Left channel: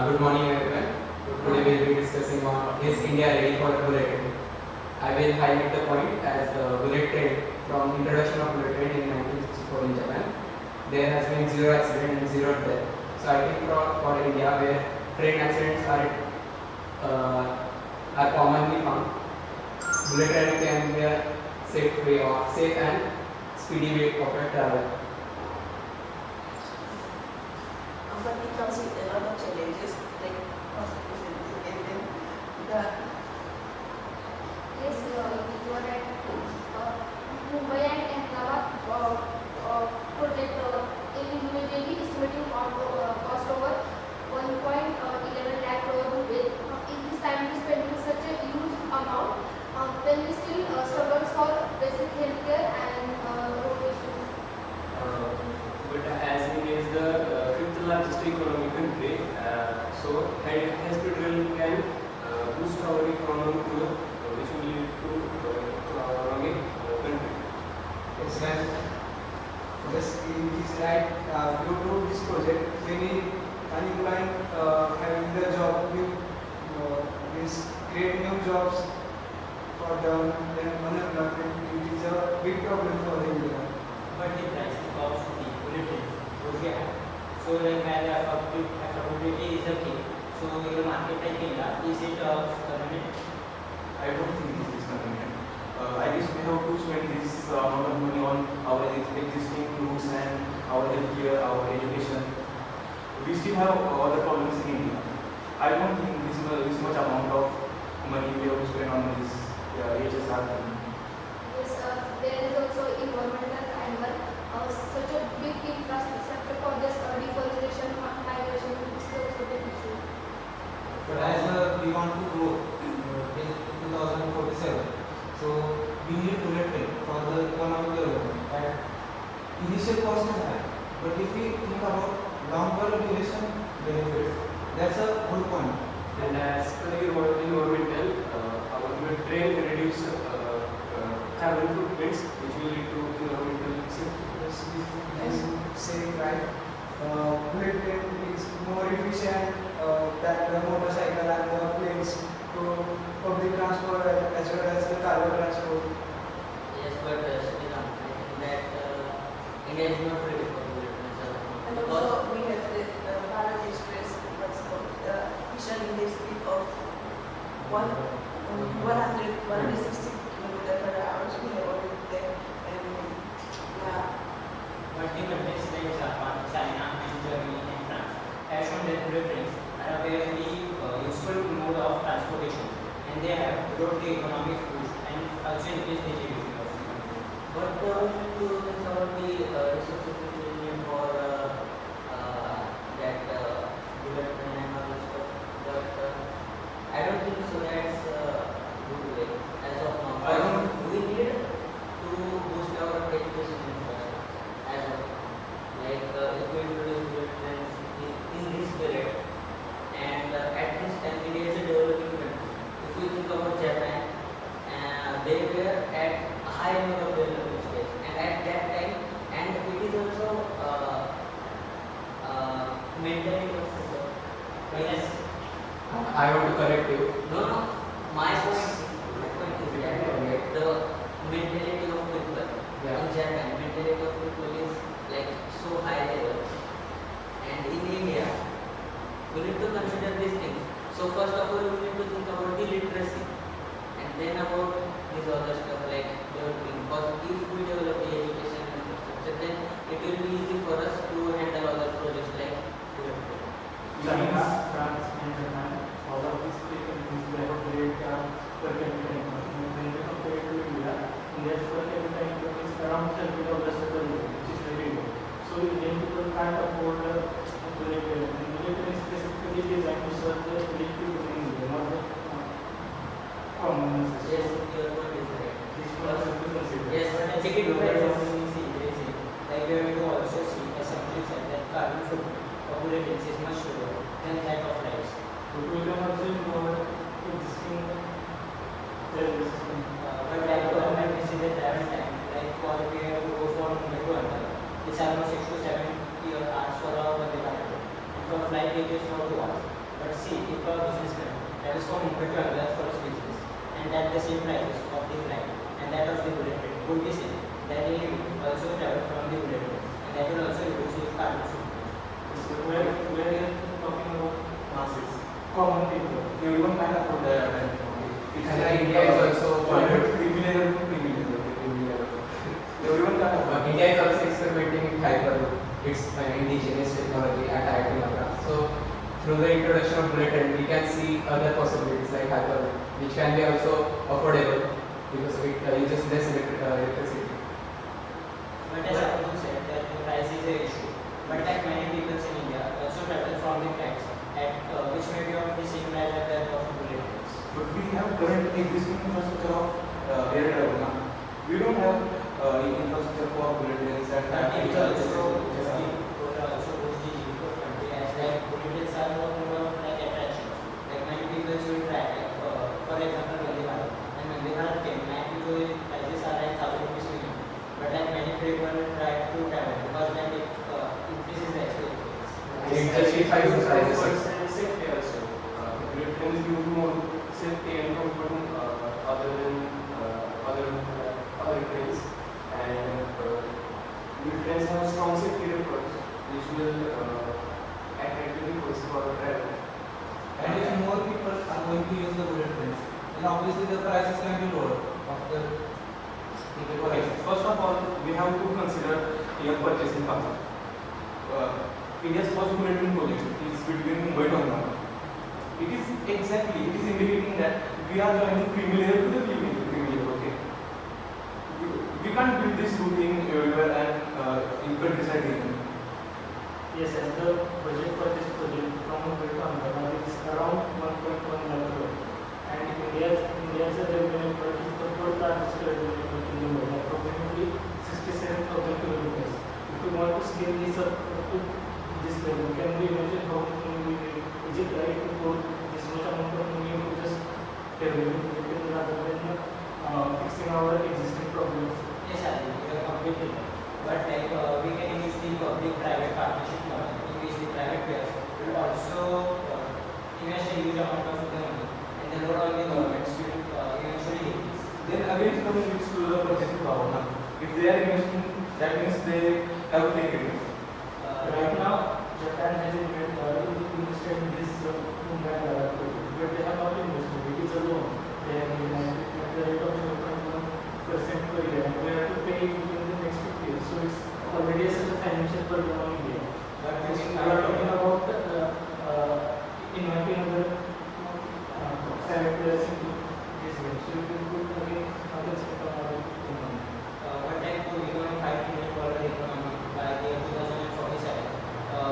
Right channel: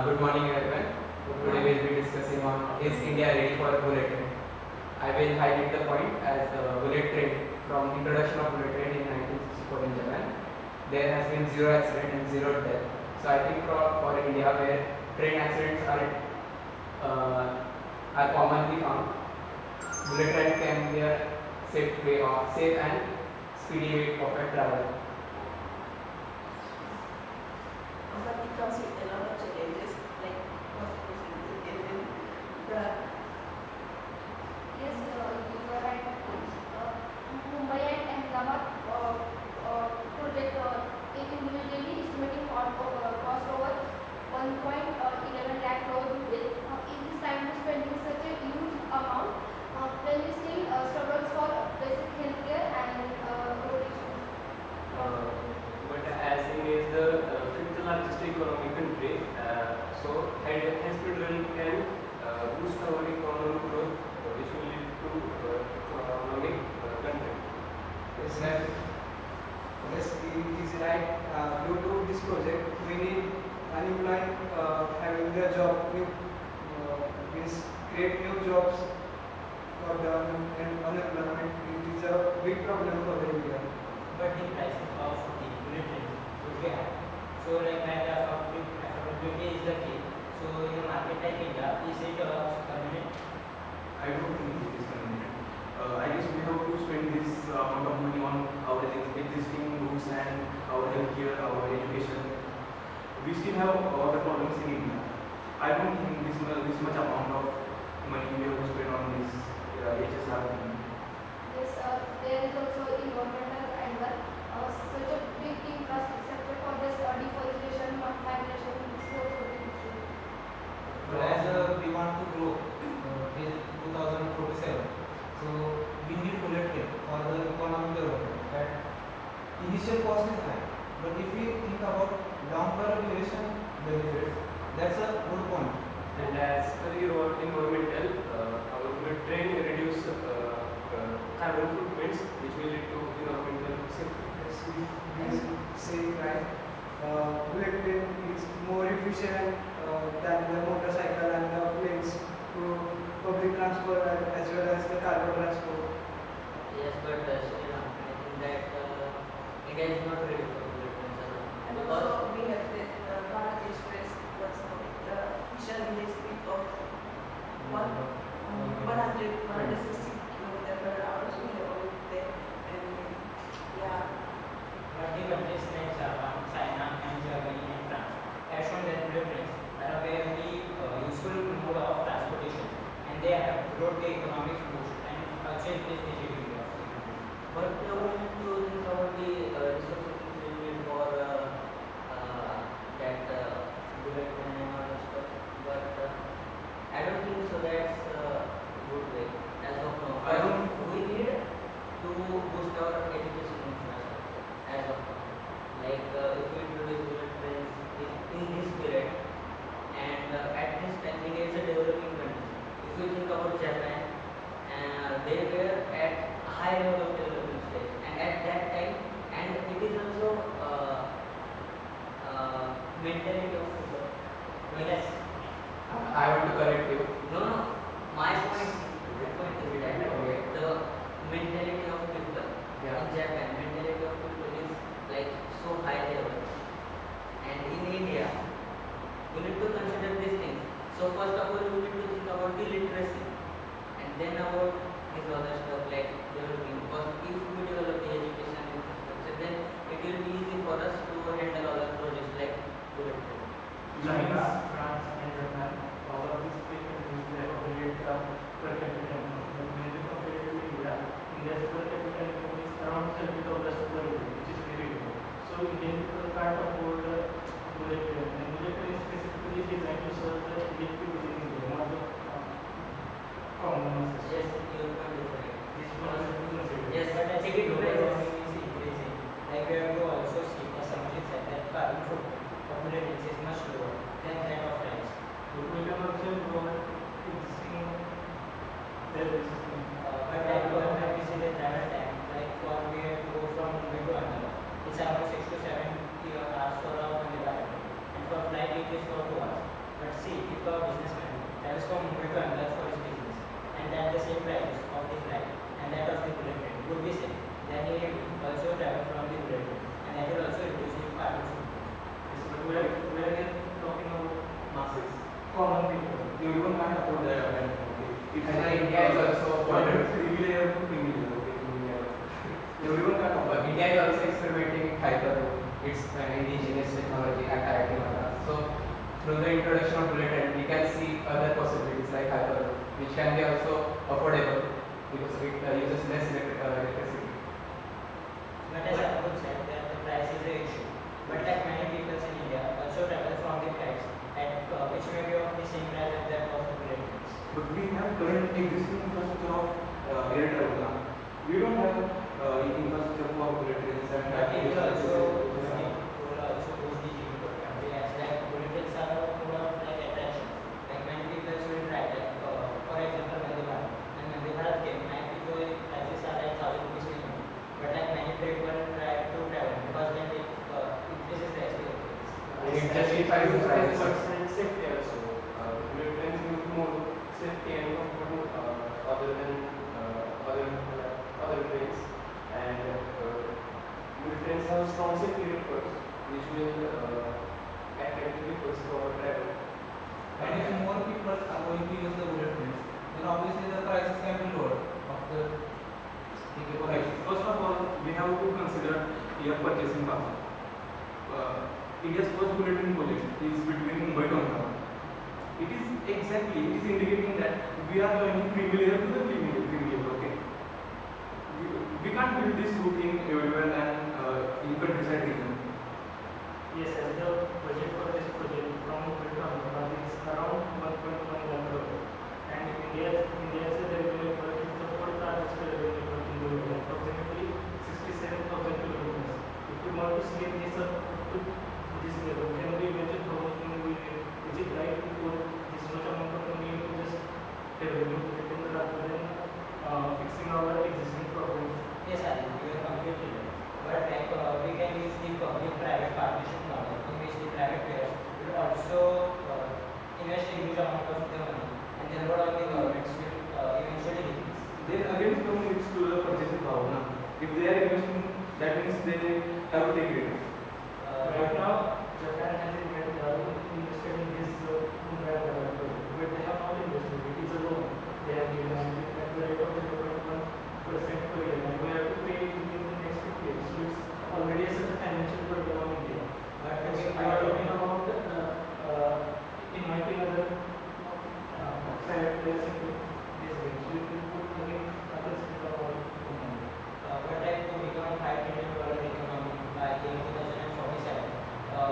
Good morning everyone. Today we will be discussing on is India ready for bullet train. I will highlight the point as the bullet train from introduction of bullet train in 1964 in Japan. There has been zero accident and zero death. So I think for India where train accidents are commonly found, bullet train can be a safe and speedy way of travel. But it comes with a lot of challenges like conservation the Yes, you are right. Mumbai and Ahmedabad could immediately estimating cost over 1.11 lakh crore rupees. It is time to spending such a huge amount when we still struggle for basic healthcare and road issues. But as India is the fifth largest economic country, so hospital can boost our economic growth, which will lead to economic country. Yes, well, yes, it is right. Due to this project, many unemployed having the job with means create new jobs for the unemployment. It is a big problem for the India. But the price of the bulletin would be high. So like as affordability is a key. So in the market like India, is it convenient? I don't think it is convenient. I guess we have to spend this amount of money on our existing routes and our healthcare, our education. We still have other problems in India. I don't think this much amount of money we have to spend on this HSR thing. Yes, there is also environmental angle. Such a big infrastructure for this deforestation, migration, is also an issue. So as we want to grow in 2047, so we need bullet train for the economic development. And initial cost is high, but if we think about long-term duration benefits, that's a good point. And as per the environmental, our bullet train will reduce carbon footprints, which will lead to environmental safety. Saying that bullet train is more efficient than the motorcycle and the planes to public transport as well as the cargo transport. Yes, but I think that India is not ready for bullet trains. and also we have the Bharat Express what's called mission in the speed of 160 kilometers per hour. So we have already there and yeah. But the countries like Japan, China, and Germany and France have shown that bullet trains are a very useful mode of transportation, and they have brought the economic boost and also increased the GDP. But we have to think about the resources which we need for that bullet train and all that stuff. But I don't think so. That's good way as of now. I don't. We need to boost our education infrastructure as of now. Like if we introduce bullet trains in this period, and at this time India is a developing country. If we think about Japan, they were at a high level of development stage, and at that time, and it is also mentality of people. Yes. I want to correct you. No, no. My point is that the mentality of people Yeah. in Japan, mentality of people is like so high level, and in India, we need to consider these things. So first of all, we need to think about the literacy, and then about this other stuff like developing. Because if we develop the education infrastructure, then it will be easy for us to handle other projects like development. China, France, and Japan, all of these three countries they have a great per capita income. When they compare to India, India's per capita income is around $30 per year, which is very low. So Indian people can't afford bullet train. And bullet train is specifically designed to serve the elite people in India, not the common masses. Yes, your point is right. This was also to consider. Yes, but the ticket price of is increasing. Like we have to also see, as somebody said, that carbon footprint of bullet trains is much lower than that of flights. So we can also involve existing railway system. But like when we see the travel time, like for we have to go from Mumbai to Ahmedabad, it's almost 6 to 7 hours for our Vande Bharat train. And for flight it is for 2 hours. just for Mumbai to Ahmedabad for his business, and that the same prices of the flight and that of the bullet train would be same, then he also travel from the bullet train, and that will also reduce the carbon footprint. So we are here talking about masses, common people. Everyone can't afford that. And India is also criminal to criminal. Everyone can't afford. India is also experimenting with hyperloop. It's an indigenous technology at IIT Madras. So through the introduction of bullet train, we can see other possibilities like hyperloop, which can be also affordable because it uses less electricity. But as Arun said, that the price is the issue. But like many people in India also travel from the flights at which may be of the same as the fare of the bullet trains. But we have current existing infrastructure of air travel now. We don't have infrastructure for bullet trains and But it will also boost the GDP of country as like bullet trains are more of like attraction. Like many people will try like for example Vande Bharat. And Vande Bharat came, many people prices are like 1,000 rupees minimum. But like many people try to travel because then it increases the experience. It justifies the prices. Safety also. Bullet trains use more safety and comfort other than other trains, and bullet trains have strong safety records, which will attract people for travel. And if more people are going to use the bullet trains, then obviously the prices can be lower of the ticket Okay, prices. first of all, we have to consider your purchasing power. India's first bullet train project is between Mumbai to Ahmedabad. It is indicating that we are joining creamy layer to the creamy layer, okay? We can't build this route in everywhere and in countryside region. Yes, as the budget for this project from Mumbai to Ahmedabad is around 1.1 lakh crore. And India is a revenue point, is the fourth largest revenue point in the world, approximately 67,000 kilometers. If we want to scale this up to this level, can we imagine how much money we need? Is it right to put this much amount of money into just developing project rather than fixing our existing problems? Yes, I think you are completely right. But like we can use the public-private partnership model in which the private players will also invest a huge amount of the money, and the load on the governments will eventually decrease. Then again it comes to the purchasing power now. If they are investing, that means they have to take returns. Right now, Japan has invested in this Mumbai project, but they have not invested. It is a loan. They have invested at the rate of 0.1% per year, and we have to pay it within the next 50 years. So it's already such a financial burden on India. But And we we might are talking about inviting other private players into this game. So it will put again other sector on economy. but like to become a $5 trillion economy by the year 2047,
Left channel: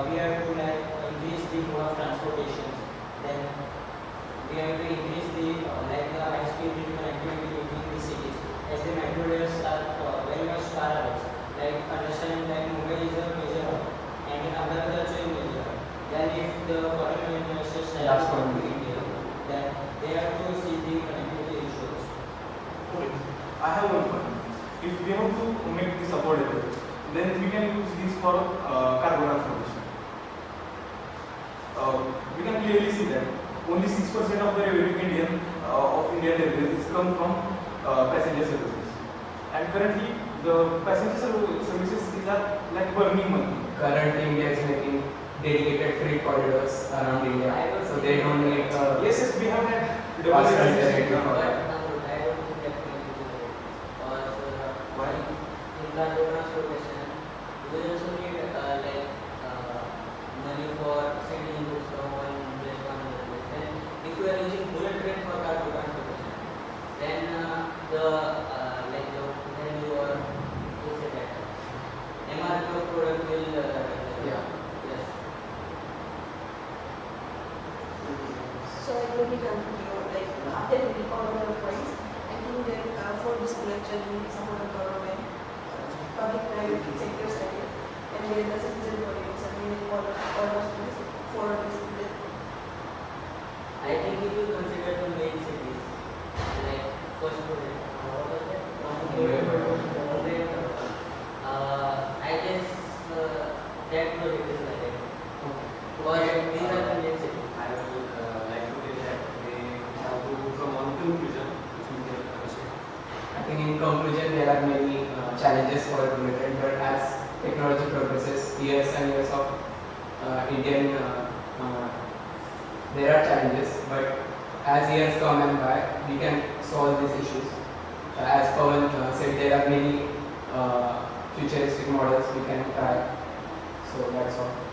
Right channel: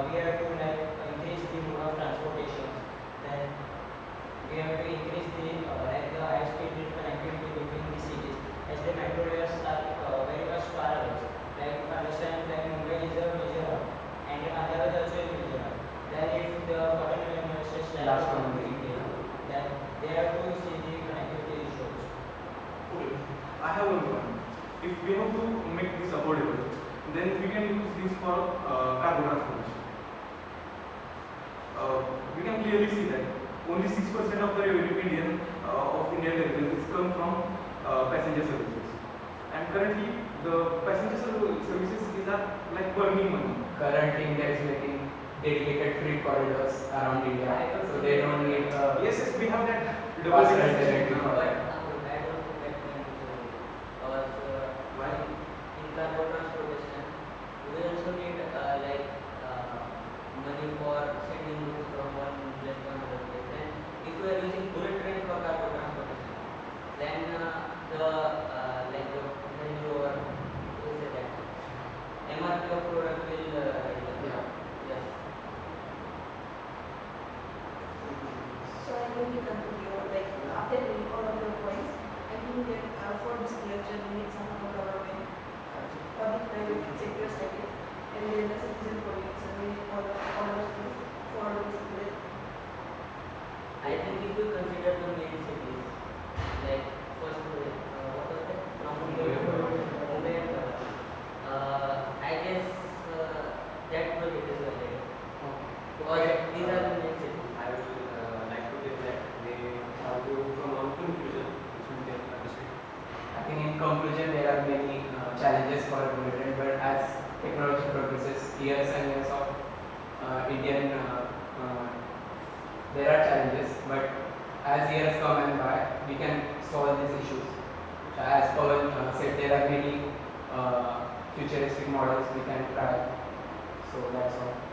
we have to like increase the mode of transportation. Then we have to increase the like the high speed connectivity between the cities, as the metro rails are very much far away. Like understand like Mumbai is a major hub and Ahmedabad is also a major hub. Then if the foreign investors start to come to India, then they have to see the connectivity issues. Okay. I have one point. If we have to make this affordable, then we can use this for cargo transportation. We can clearly see that only 6% of the revenue of Indian Railways is come from passenger services. And currently, the passenger services these are like burning money. Currently, India is making dedicated freight corridors around India, so they don't need Yes, we have that fast double alternative for But that. now I don't think that can be true. Because Why? in cargo transportation, we also need money for sending goods from one place to another place. And if you are using bullet train for cargo transportation, then the value or what's it that MRP of product will Yeah. yes. So I'm going to conclude, like after reading all of the points, I think that for this lecture we need some of the government, public-private sector study, and then the citizen politics, and we need all of these for this lecture. I think if you consider the main cities, like first what was that? I guess that project is like it. Because these are the main cities. I would like to say that they conclusion, there are many challenges for a bullet train, but as technology progresses, years and years of there are challenges, but as years come and by, we can solve these issues. As Pawan said, there are many futuristic models we can try. So that's all.